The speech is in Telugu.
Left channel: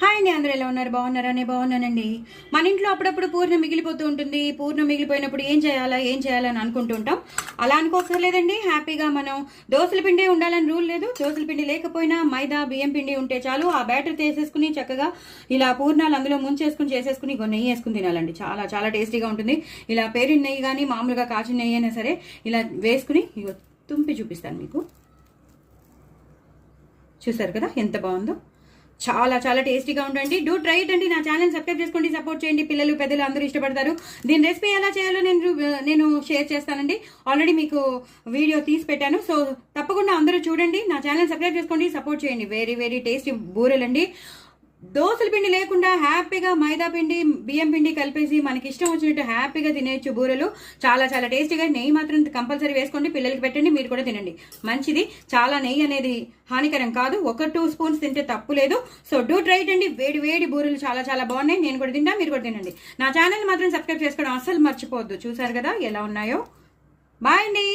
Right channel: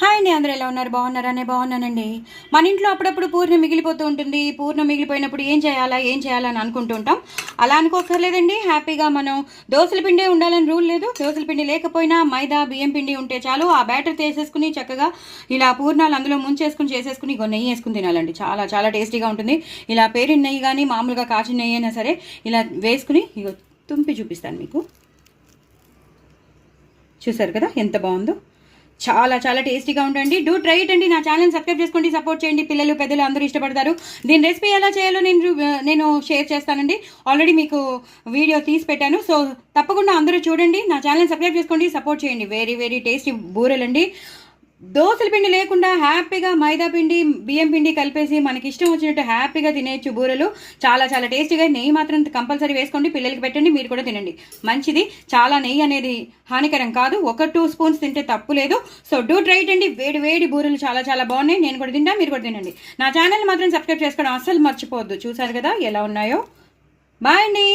హాయ్ అండి, అందరూ ఎలా ఉన్నారు? బాగున్నారా? నేను బాగున్నానండి. మన ఇంట్లో అప్పుడప్పుడు పూర్ణం మిగిలిపోతూ ఉంటుంది. పూర్ణం మిగిలిపోయినప్పుడు ఏం చేయాలా అని అనుకుంటూ ఉంటాం. అలా అనుకోకర్లేదండి. హ్యాపీగా మనం దోసల పిండి ఉండాలని రూల్ లేదు. దోసల పిండి లేకపోయినా మైదా, బియ్యం పిండి ఉంటే చాలు. ఆ బ్యాటర్ తీసేసుకుని చక్కగా ఇలా పూర్ణాలు అందులో ముంచేసుకుని చేసేసుకుని నెయ్యి వేసుకుని తినాలండి. చాలా చాలా టేస్టీగా ఉంటుంది. ఇలా పేరిన నెయ్యి కానీ మామూలుగా కాచిన నెయ్యి అయినా సరే ఇలా వేసుకుని ఇగో తుంపి చూపిస్తాను మీకు. చూసారు కదా ఎంత బాగుందో. చాలా చాలా టేస్టీగా ఉండండి. డూ ట్రై ఇట్ అండి. నా ఛానల్ సబ్స్క్రైబ్ చేసుకోండి, సపోర్ట్ చేయండి. పిల్లలు పెద్దలు అందరూ ఇష్టపడతారు. దీని రెసిపీ ఎలా చేయాలో నేను షేర్ చేస్తానండి. ఆల్రెడీ మీకు వీడియో తీసి పెట్టాను. సో తప్పకుండా అందరూ చూడండి. నా ఛానల్ సబ్స్క్రైబ్ చేసుకోండి, సపోర్ట్ చేయండి. వెరీ వెరీ టేస్టీ బూరెలండి. దోసల పిండి లేకుండా హ్యాపీగా మైదా పిండి, బియ్యం పిండి కలిపేసి మనకి ఇష్టం వచ్చినట్టు హ్యాపీగా తినేయచ్చు బూరెలు. చాలా చాలా టేస్టీగా. నెయ్యి మాత్రం కంపల్సరీ వేసుకోండి, పిల్లలకి పెట్టండి, మీరు కూడా తినండి. మంచిది. చాలా నెయ్యి అనేది హానికరం కాదు. 1-2 స్పూన్స్ తింటే తప్పు లేదు. సో డూ ట్రై ఇట్ అండి. వేడి వేడి బూరెలు చాలా చాలా బాగున్నాయి. నేను కూడా తింటా, మీరు కూడా తినండి. నా ఛానల్ మాత్రం సబ్స్క్రైబ్ చేసుకోవడం అస్సలు మర్చిపోవద్దు. చూసారు కదా ఎలా ఉన్నాయో. బాయ్ అండి.